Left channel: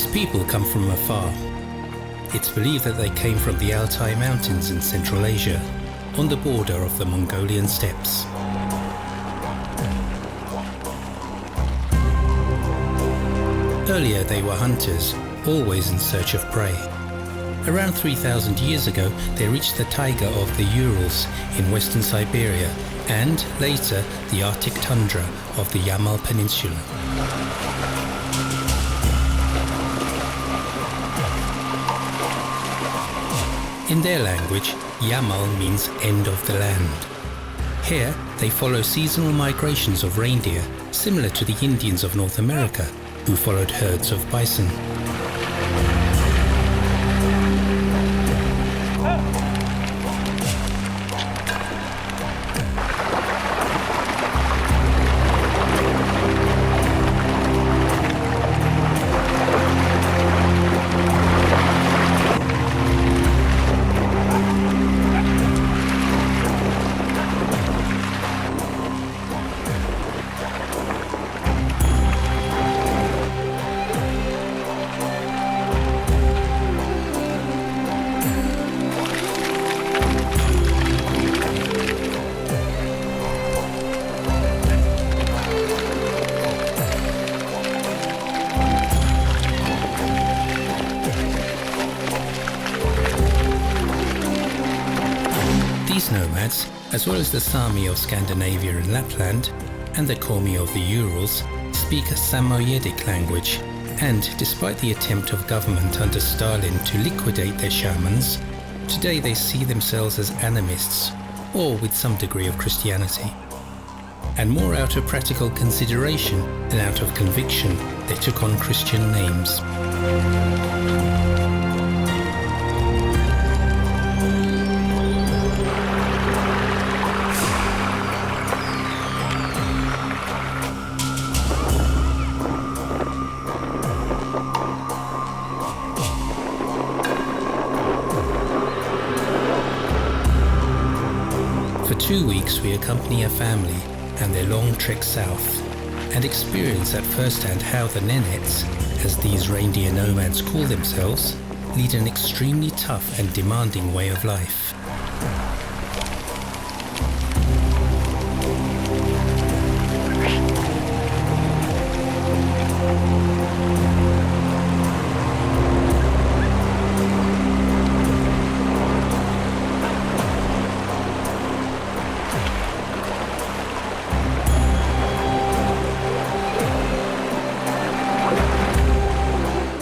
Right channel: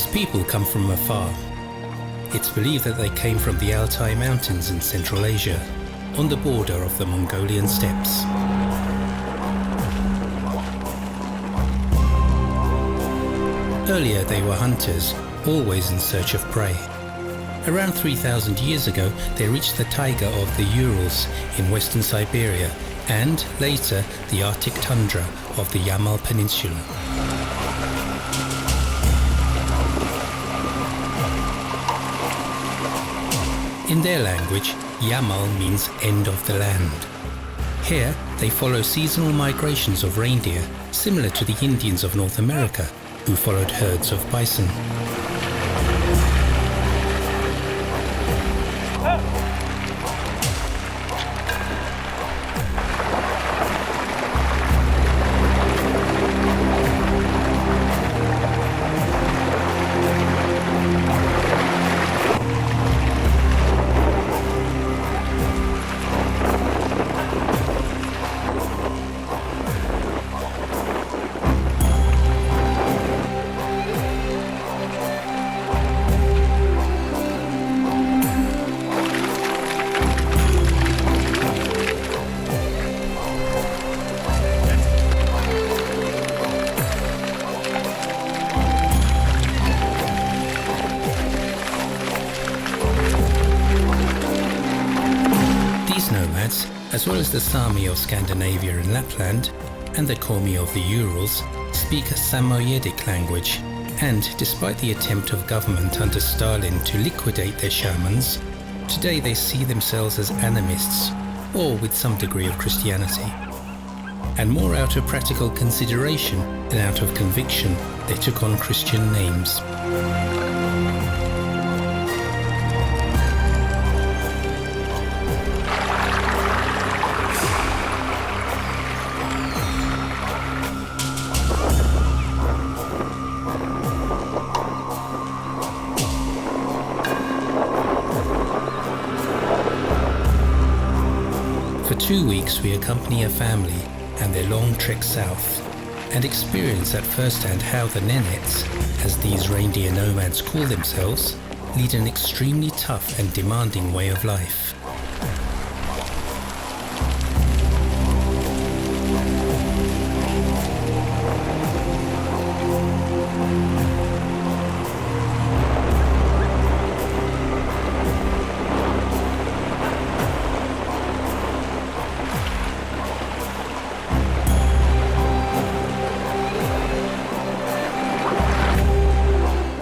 These people come from afar. It's believed that they came from the Altai Mountains in Central Asia, on the border of the Mongolian steppes. Earlier they were hunters, always in search of prey. Around 3,000 years ago they reached the taiga of the Urals in western Siberia and, later, the Arctic tundra of the Yamal Peninsula. In their language, Yamal means end of the land. Here, they follow seasonal migrations of reindeer, similar to the Indians of North America, who followed herds of bison. Nomads, as well as the Sami of Scandinavia and Lapland, and the Komi of the Urals, speak a Samoyedic language, and despite the attempt of government under Stalin to liquidate their shamans, today they see themselves as animists, or with some degree of Christianity. And more out of practical consideration than out of conviction, they took on Christian names. For 2 weeks we accompany a family and their long trek south, and experience at first hand how the Nenets, as these reindeer nomads call themselves, lead an extremely tough and demanding way of life.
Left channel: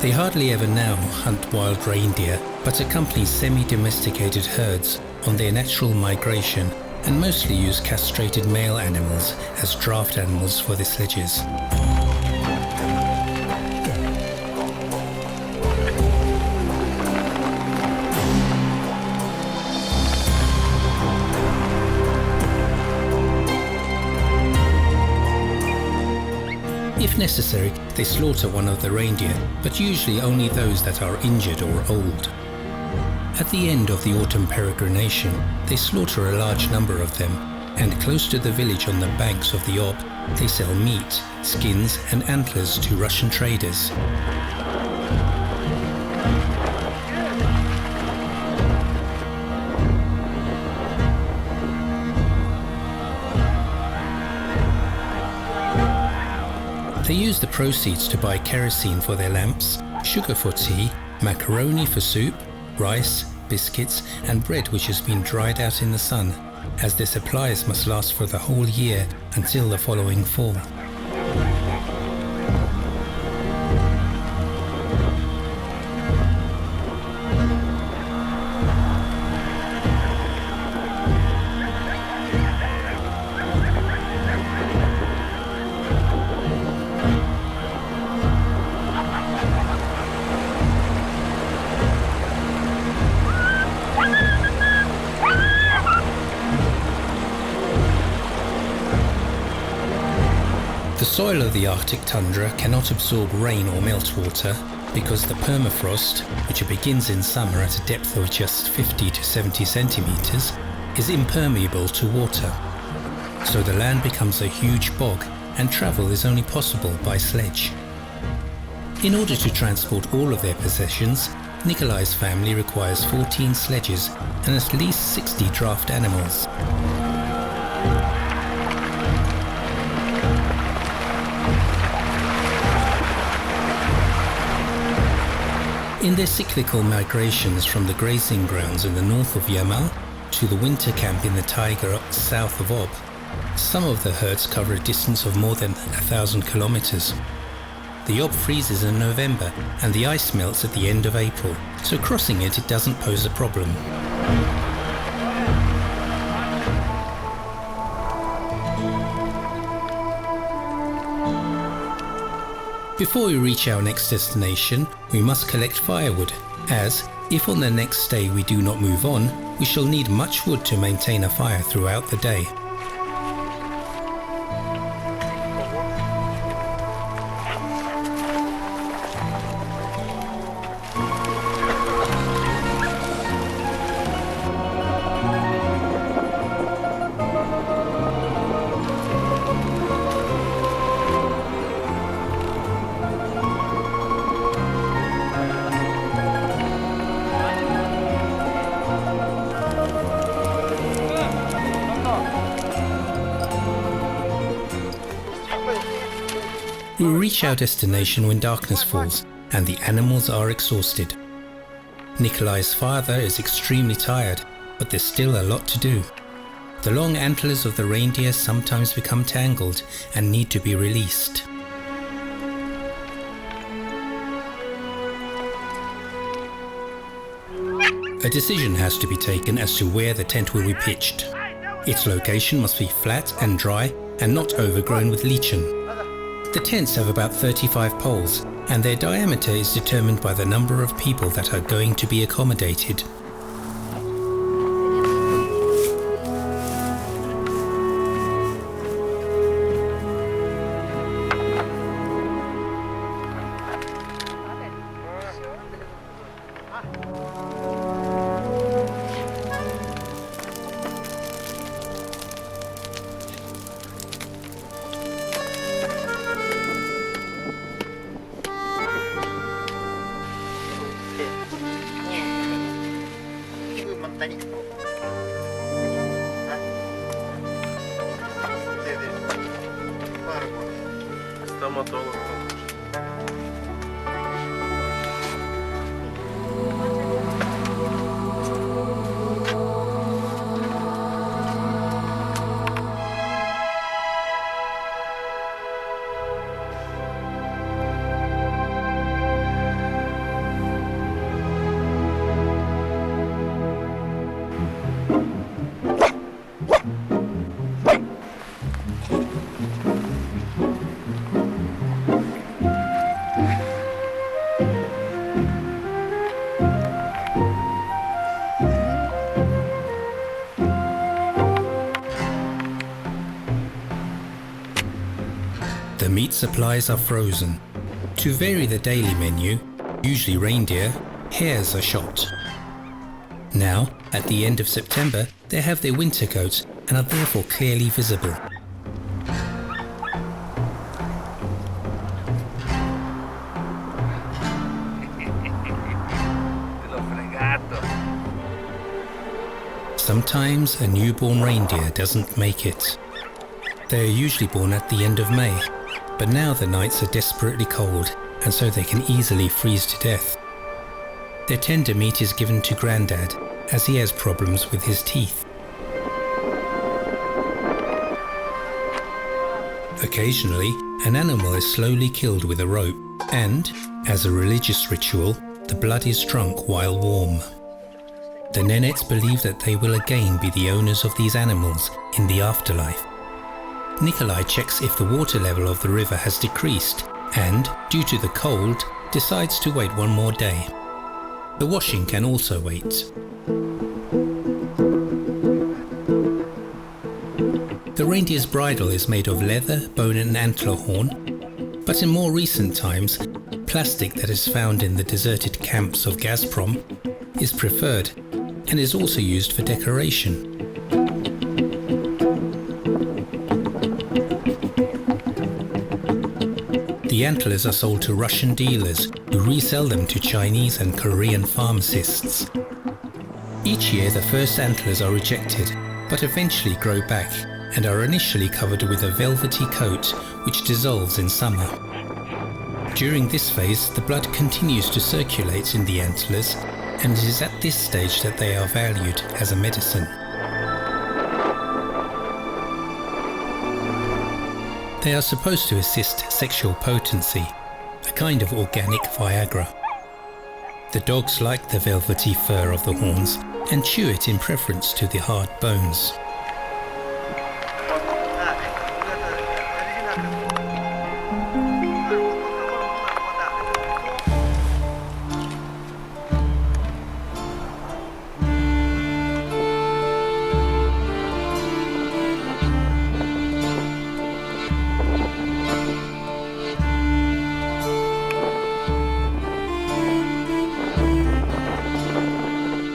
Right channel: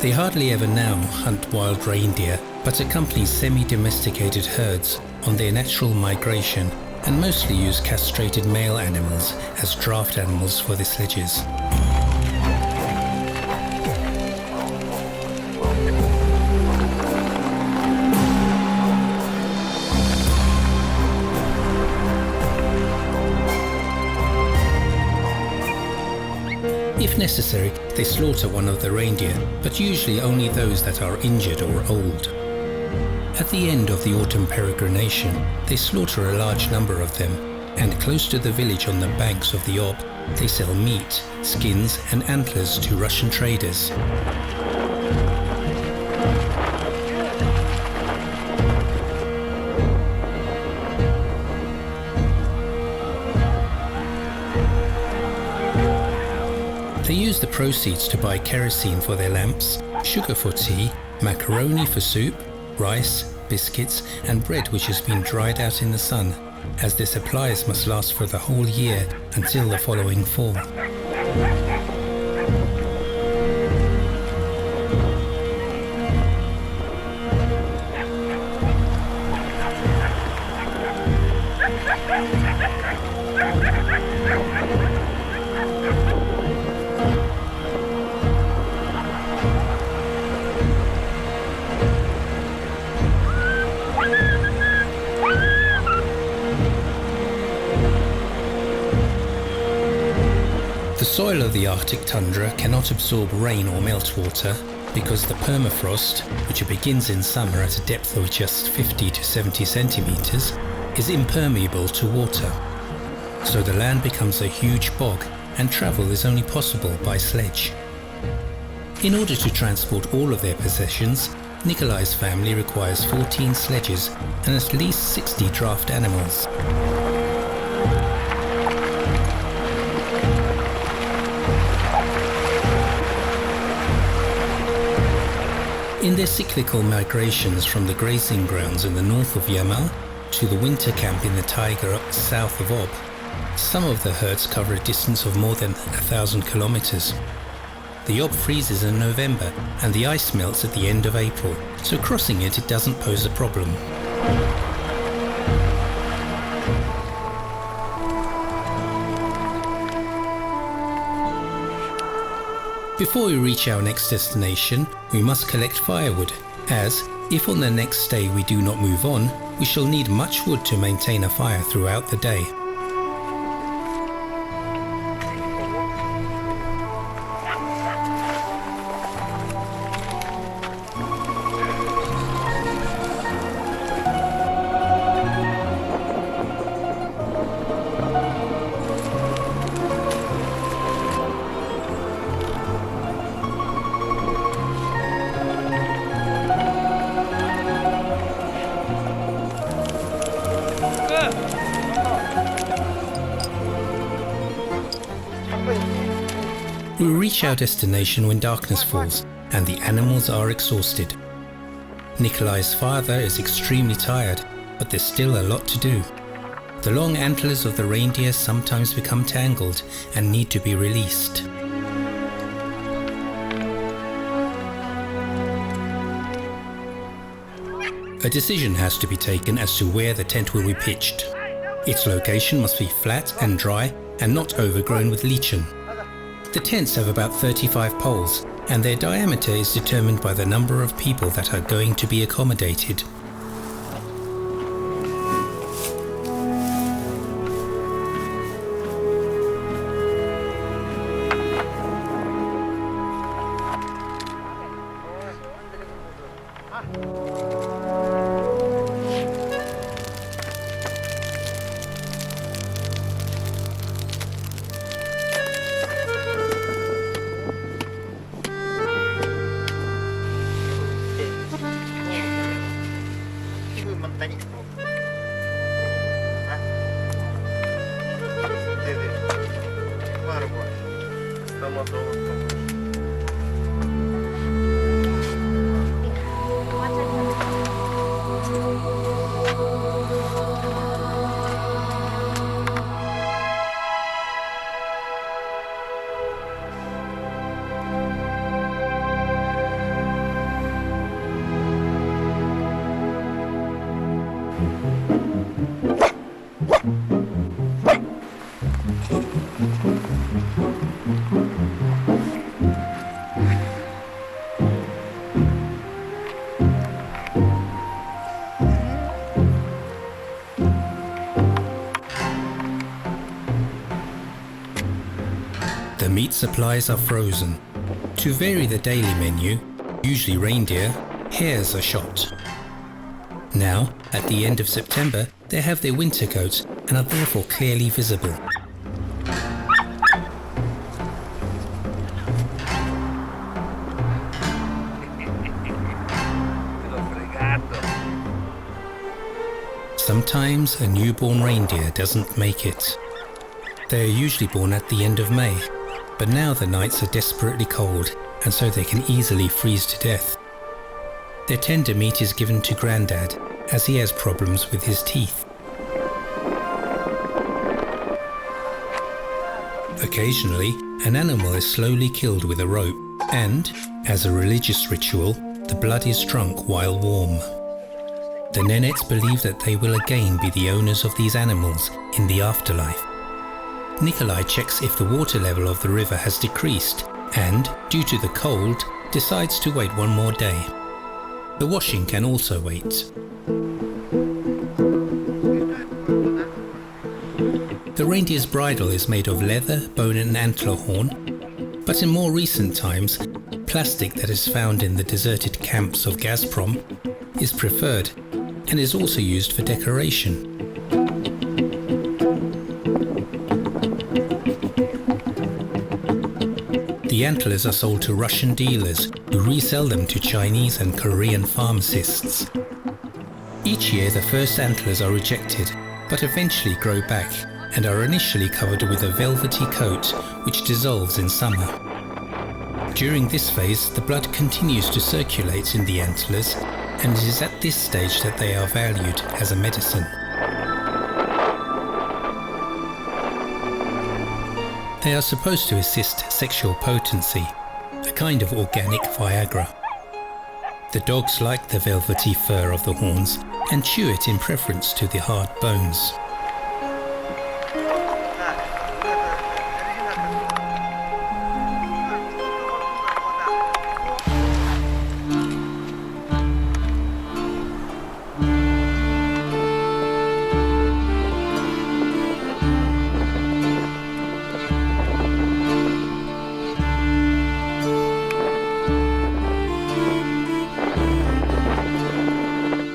They hardly ever now hunt wild reindeer, but accompany semi-domesticated herds on their natural migration and mostly use castrated male animals as draft animals for their sledges. If necessary, they slaughter one of the reindeer, but usually only those that are injured or old. At the end of the autumn peregrination, they slaughter a large number of them, and close to the village on the banks of the Ob, they sell meat, skins and antlers to Russian traders. They use the proceeds to buy kerosene for their lamps, sugar for tea, macaroni for soup, rice, biscuits and bread which has been dried out in the sun, as their supplies must last for the whole year until the following fall. The soil of the Arctic tundra cannot absorb rain or meltwater because the permafrost, which begins in summer at a depth of just 50 to 70 centimeters, is impermeable to water. So the land becomes a huge bog and travel is only possible by sledge. In order to transport all of their possessions, Nikolai's family requires 14 sledges and at least 60 draft animals. In their cyclical migrations from the grazing grounds in the north of Yamal to the winter camp in the taiga south of Ob, some of the herds cover a distance of more than 1,000 kilometers. The Ob freezes in November and the ice melts at the end of April, so crossing it doesn't pose a problem. Before we reach our next destination, we must collect firewood, as, if on the next day we do not move on, we shall need much wood to maintain a fire throughout the day. We reach our destination when darkness falls and the animals are exhausted. Nikolai's father is extremely tired, but there's still a lot to do. The long antlers of the reindeer sometimes become tangled and need to be released. A decision has to be taken as to where the tent will be pitched. Its location must be flat and dry and not overgrown with lichen. The tents have about 35 poles, and their diameter is determined by the number of people that are going to be accommodated. The meat supplies are frozen. To vary the daily menu, usually reindeer, hares are shot. Now, at the end of September, they have their winter coats and are therefore clearly visible. Sometimes a newborn reindeer doesn't make it. They are usually born at the end of May, but now the nights are desperately cold and so they can easily freeze to death. Their tender meat is given to Grandad, as he has problems with his teeth. Occasionally, an animal is slowly killed with a rope, and, as a religious ritual, the blood is drunk while warm. The Nenets believe that they will again be the owners of these animals in the afterlife. Nikolai checks if the water level of the river has decreased and, due to the cold, decides to wait one more day. The washing can also wait. The reindeer's bridle is made of leather, bone and antler horn, but in more recent times, plastic that is found in the deserted camps of Gazprom is preferred and is also used for decoration. The antlers are sold to Russian dealers who resell them to Chinese and Korean pharmacists. Each year the first antlers are rejected, but eventually grow back and are initially covered with a velvety coat which dissolves in summer. During this phase, the blood continues to circulate in the antlers, and it is at this stage that they are valued as a medicine. They are supposed to assist sexual potency, a kind of organic Viagra. The dogs like the velvety fur of the horns and chew it in preference to the hard bones.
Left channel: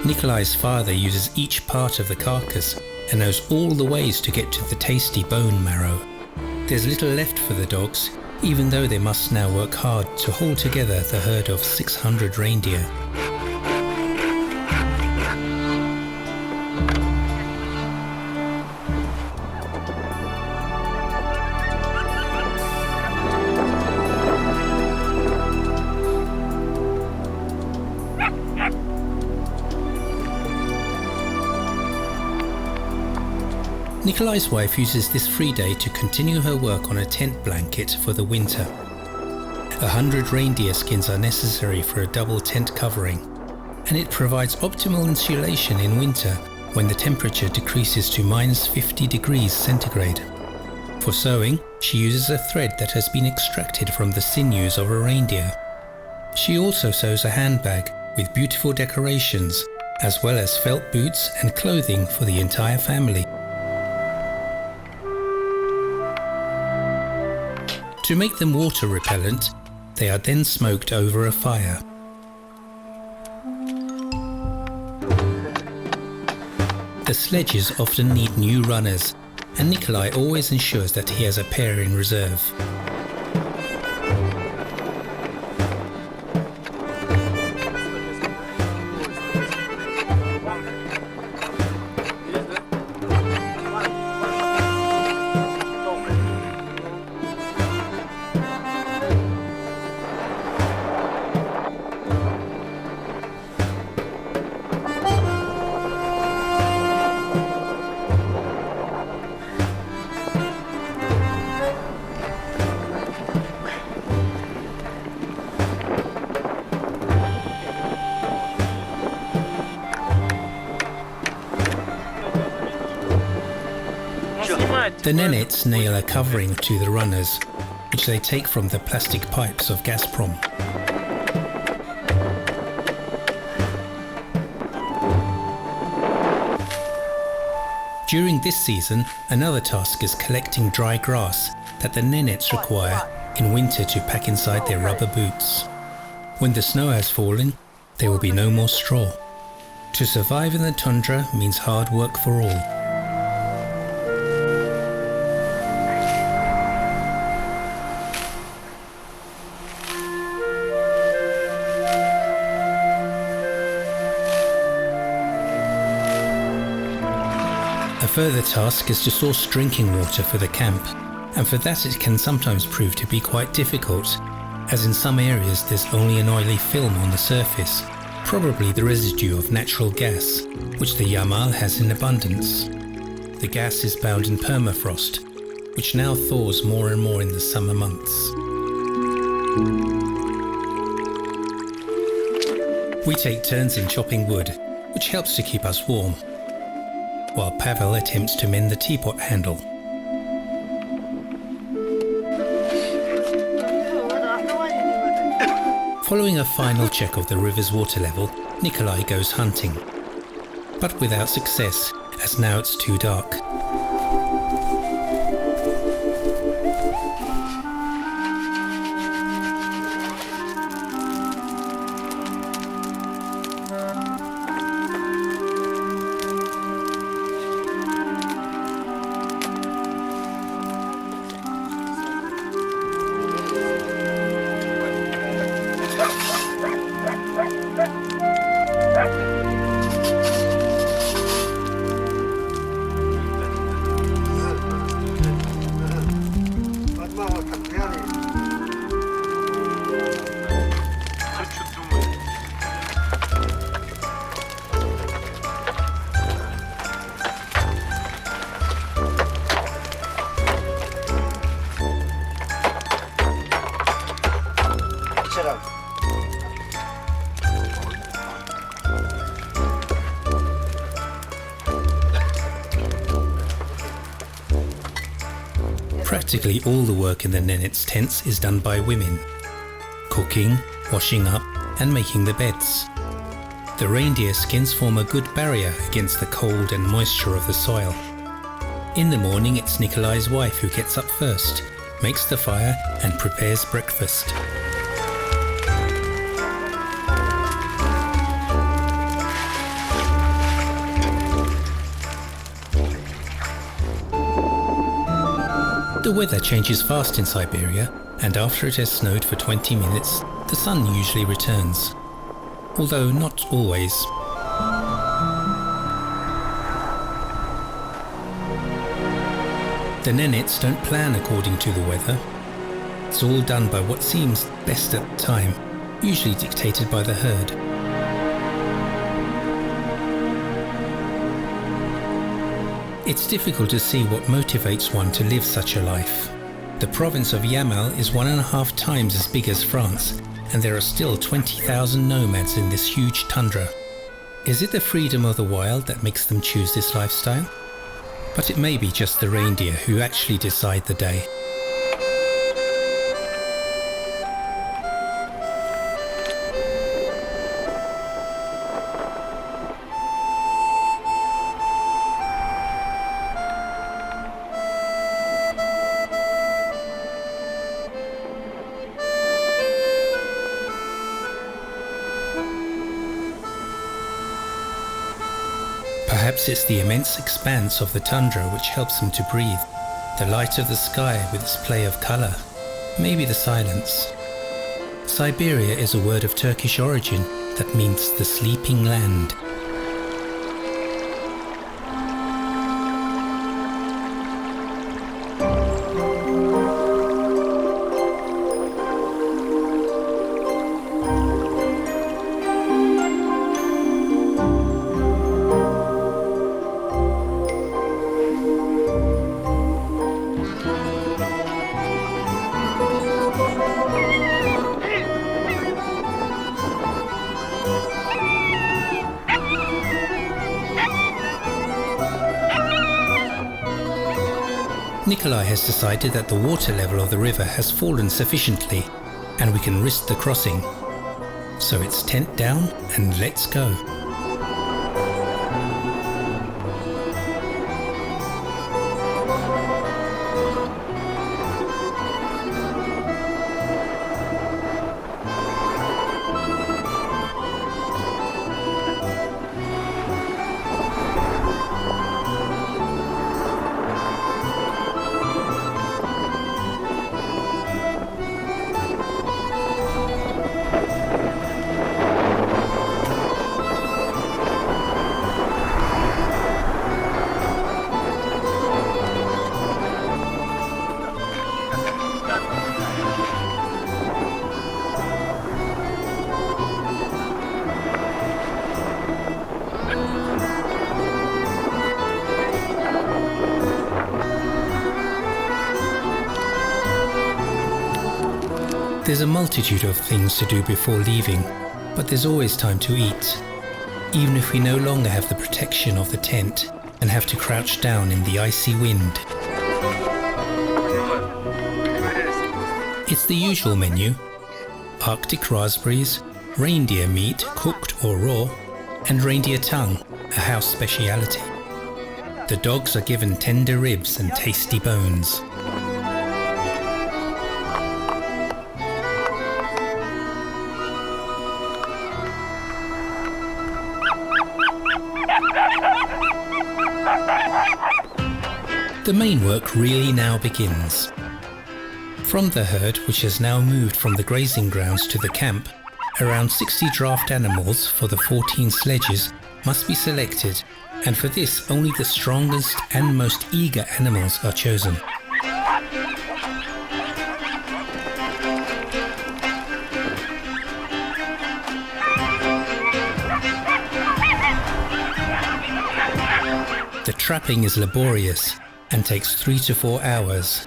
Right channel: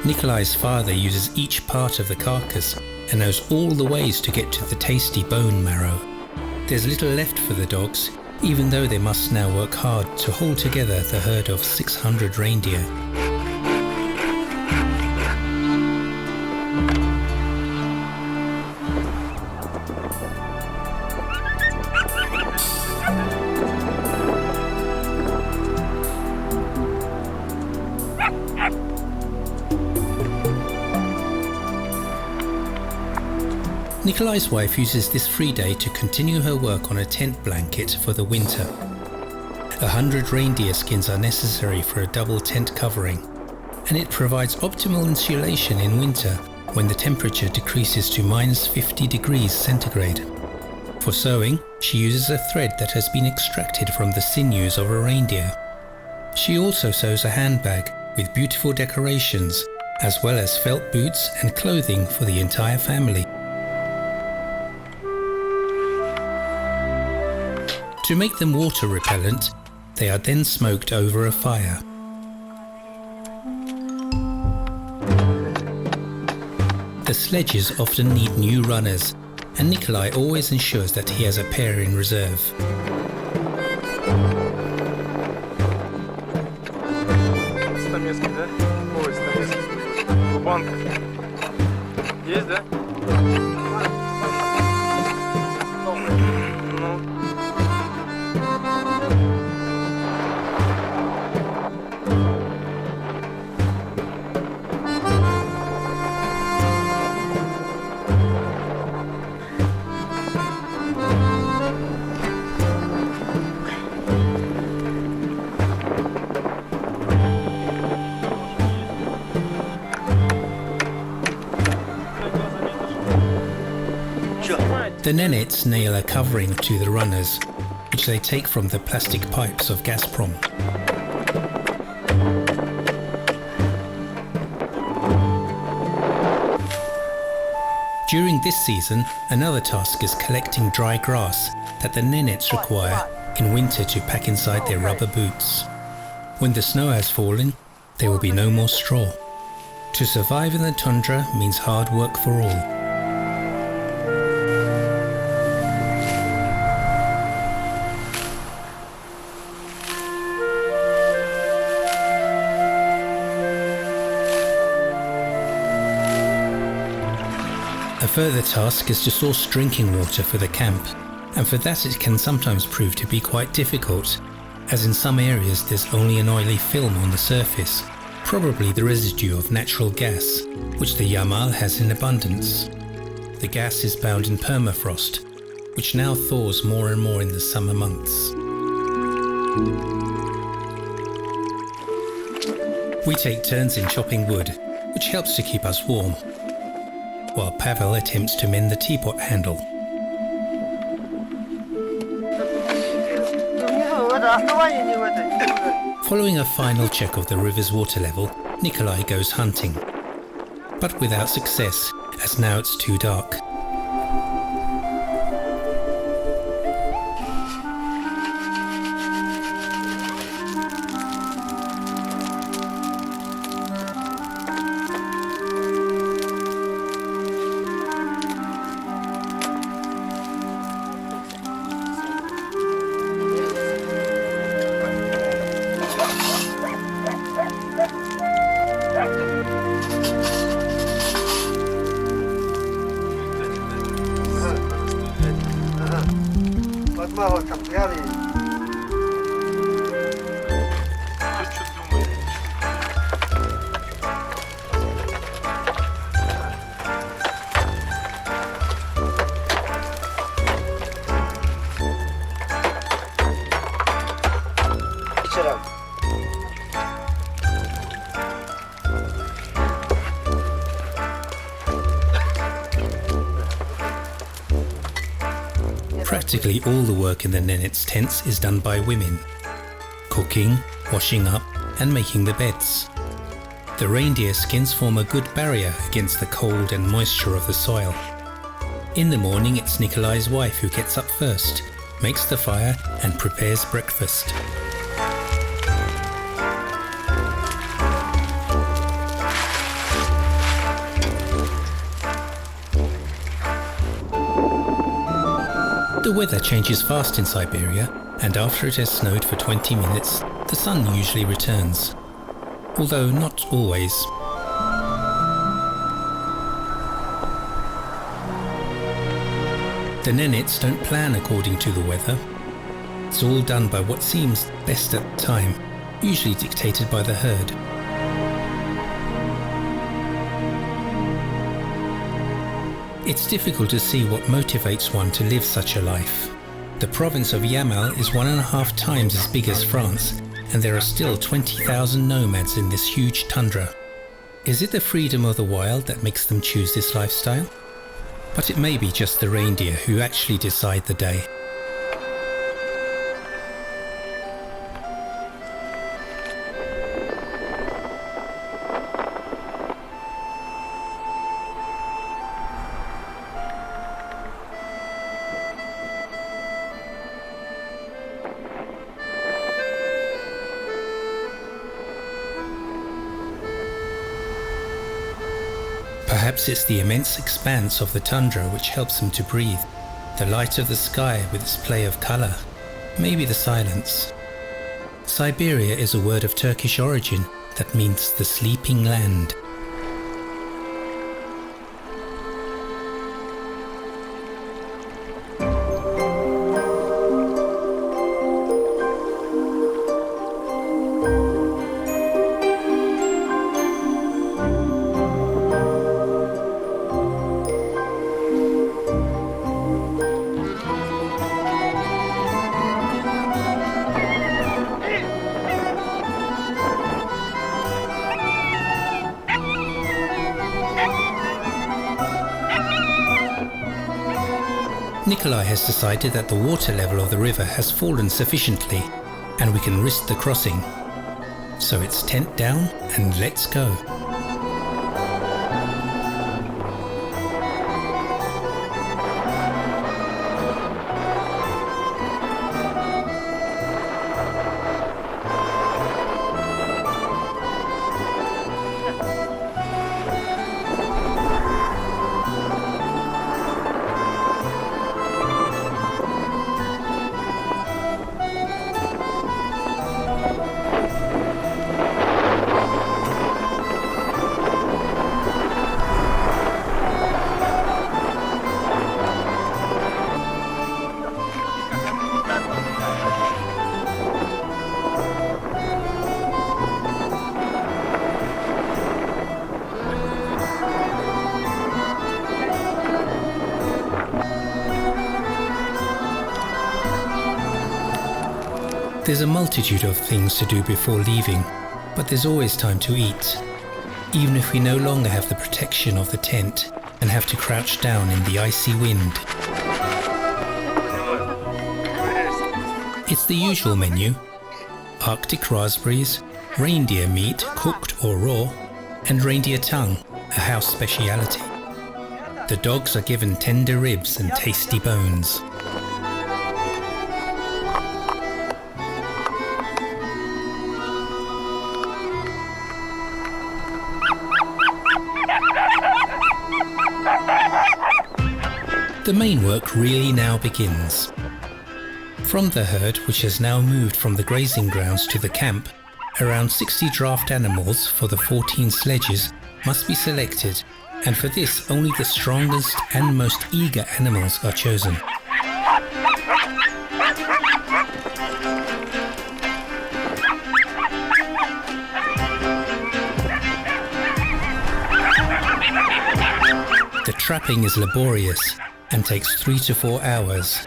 Nikolai's father uses each part of the carcass and knows all the ways to get to the tasty bone marrow. There's little left for the dogs, even though they must now work hard to hold together the herd of 600 reindeer. Nikolai's wife uses this free day to continue her work on a tent blanket for the winter. 100 reindeer skins are necessary for a double tent covering, and it provides optimal insulation in winter when the temperature decreases to -50 degrees centigrade. For sewing, she uses a thread that has been extracted from the sinews of a reindeer. She also sews a handbag with beautiful decorations, as well as felt boots and clothing for the entire family. To make them water repellent, they are then smoked over a fire. The sledges often need new runners, and Nikolai always ensures that he has a pair in reserve. The Nenets nail a covering to the runners, which they take from the plastic pipes of Gazprom. During this season, another task is collecting dry grass that the Nenets require in winter to pack inside their rubber boots. When the snow has fallen, there will be no more straw. To survive in the tundra means hard work for all. A further task is to source drinking water for the camp, and for that it can sometimes prove to be quite difficult, as in some areas there's only an oily film on the surface, probably the residue of natural gas, which the Yamal has in abundance. The gas is bound in permafrost, which now thaws more and more in the summer months. We take turns in chopping wood, which helps to keep us warm, while Pavel attempts to mend the teapot handle. Following a final check of the river's water level, Nikolai goes hunting, but without success, as now it's too dark. Practically all the work in the Nenets tents is done by women. Cooking, washing up and making the beds. The reindeer skins form a good barrier against the cold and moisture of the soil. In the morning it's Nikolai's wife who gets up first, makes the fire and prepares breakfast. The weather changes fast in Siberia, and after it has snowed for 20 minutes, the sun usually returns. Although not always. The Nenets don't plan according to the weather. It's all done by what seems best at the time, usually dictated by the herd. It's difficult to see what motivates one to live such a life. The province of Yamal is 1.5 times as big as France, and there are still 20,000 nomads in this huge tundra. Is it the freedom of the wild that makes them choose this lifestyle? But it may be just the reindeer who actually decide the day. Perhaps it's the immense expanse of the tundra which helps them to breathe, the light of the sky with its play of colour, maybe the silence. Siberia is a word of Turkish origin that means the sleeping land. Nikolai has decided that the water level of the river has fallen sufficiently and we can risk the crossing. So it's tent down and let's go. There's a multitude of things to do before leaving, but there's always time to eat, even if we no longer have the protection of the tent and have to crouch down in the icy wind. It's the usual menu: Arctic raspberries, reindeer meat cooked or raw, and reindeer tongue, a house speciality. The dogs are given tender ribs and tasty bones. The main work really now begins. From the herd, which has now moved from the grazing grounds to the camp, around 60 draft animals for the 14 sledges must be selected, and for this only the strongest and most eager animals are chosen. The trapping is laborious and takes 3 to 4 hours,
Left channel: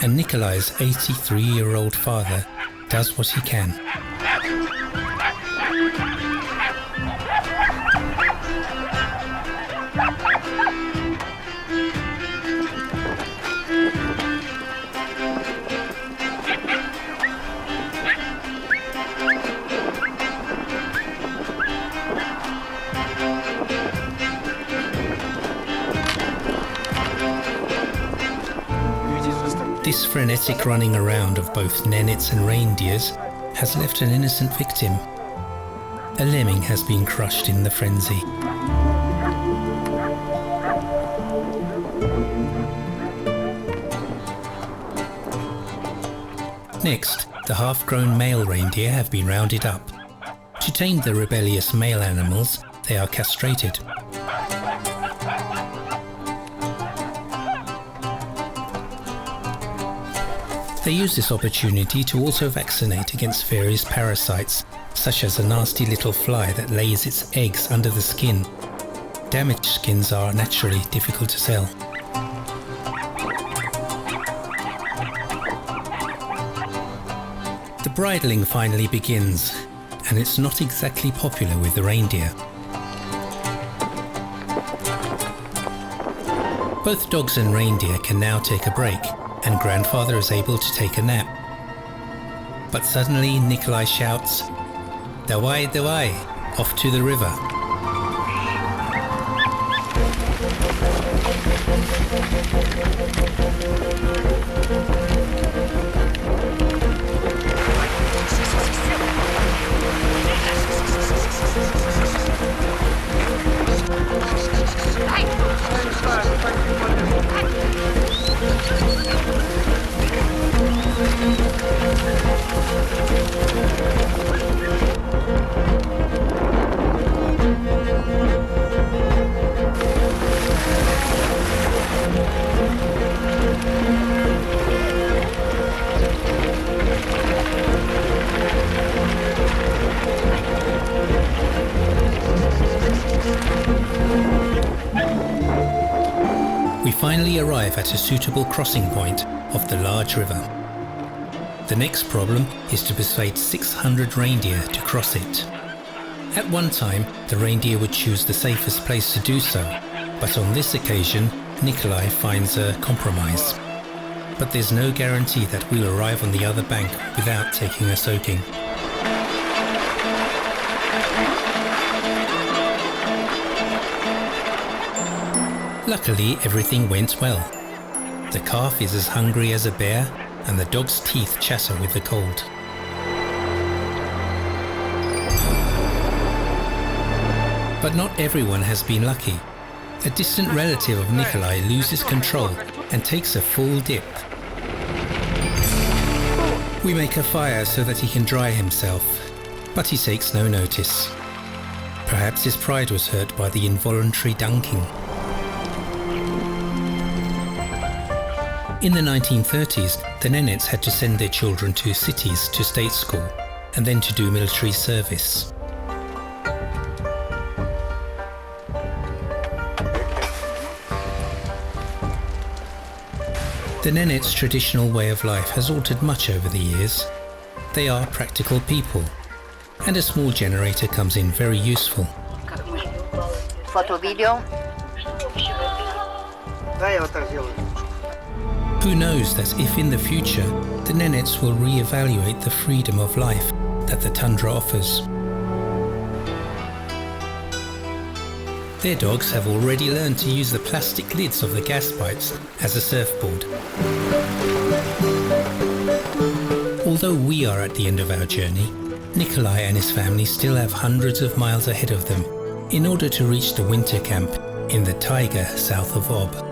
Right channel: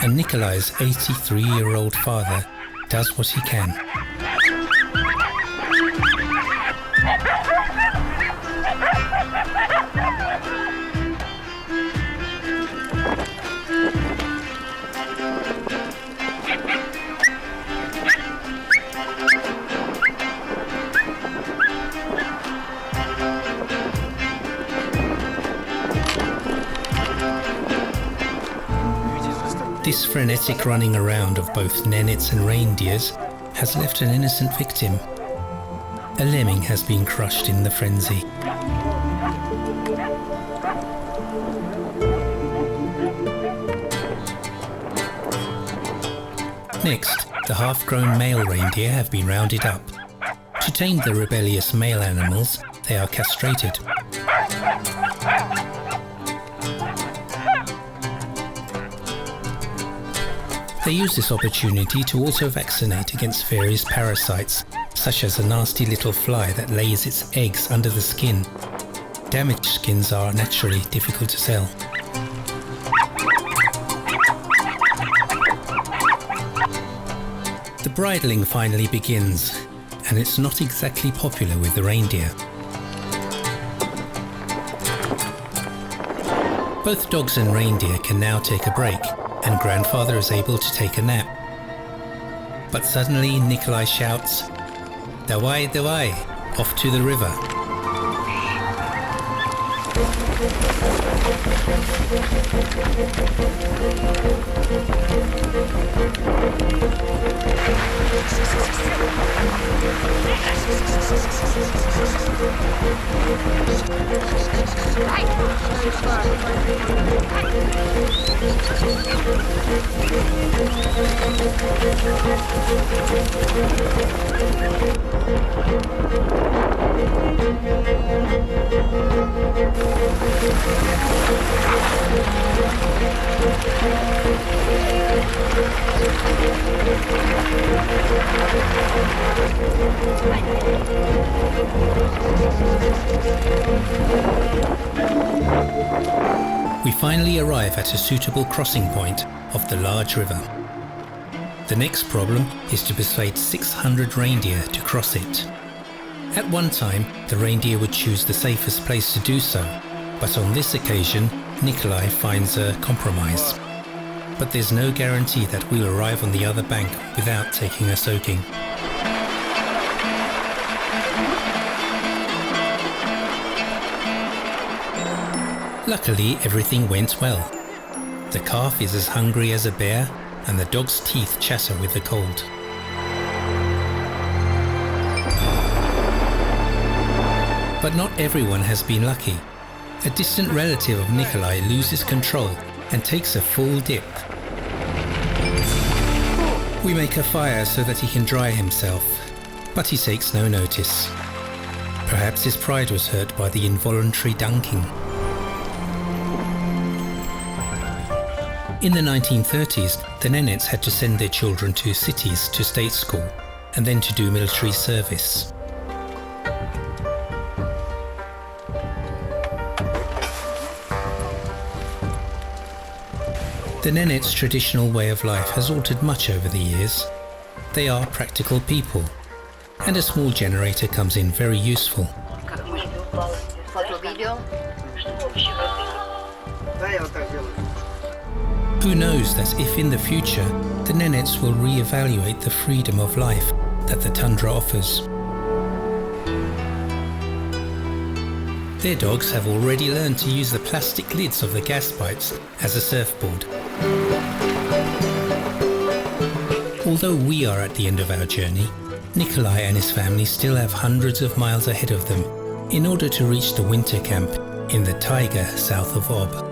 and Nikolai's 83-year-old father does what he can. This frenetic running around of both Nenets and Reindeers has left an innocent victim. A lemming has been crushed in the frenzy. Next, the half-grown male reindeer have been rounded up. To tame the rebellious male animals, they are castrated. They use this opportunity to also vaccinate against various parasites, such as a nasty little fly that lays its eggs under the skin. Damaged skins are naturally difficult to sell. The bridling finally begins, and it's not exactly popular with the reindeer. Both dogs and reindeer can now take a break, and grandfather is able to take a nap. But suddenly Nikolai shouts, "Dawai, dawai," off to the river. We finally arrive at a suitable crossing point of the large river. The next problem is to persuade 600 reindeer to cross it. At one time, the reindeer would choose the safest place to do so, but on this occasion, Nikolai finds a compromise. But there's no guarantee that we'll arrive on the other bank without taking a soaking. Luckily, everything went well. The calf is as hungry as a bear, and the dog's teeth chatter with the cold. But not everyone has been lucky. A distant relative of Nikolai loses control and takes a full dip. We make a fire so that he can dry himself, but he takes no notice. Perhaps his pride was hurt by the involuntary dunking. In the 1930s, the Nenets had to send their children to cities to state school and then to do military service. The Nenets' traditional way of life has altered much over the years. They are practical people, and a small generator comes in very useful. Who knows that if in the future the Nenets will re-evaluate the freedom of life that the tundra offers. Their dogs have already learned to use the plastic lids of the gas pipes as a surfboard. Although we are at the end of our journey, Nikolai and his family still have hundreds of miles ahead of them in order to reach the winter camp in the taiga south of Ob.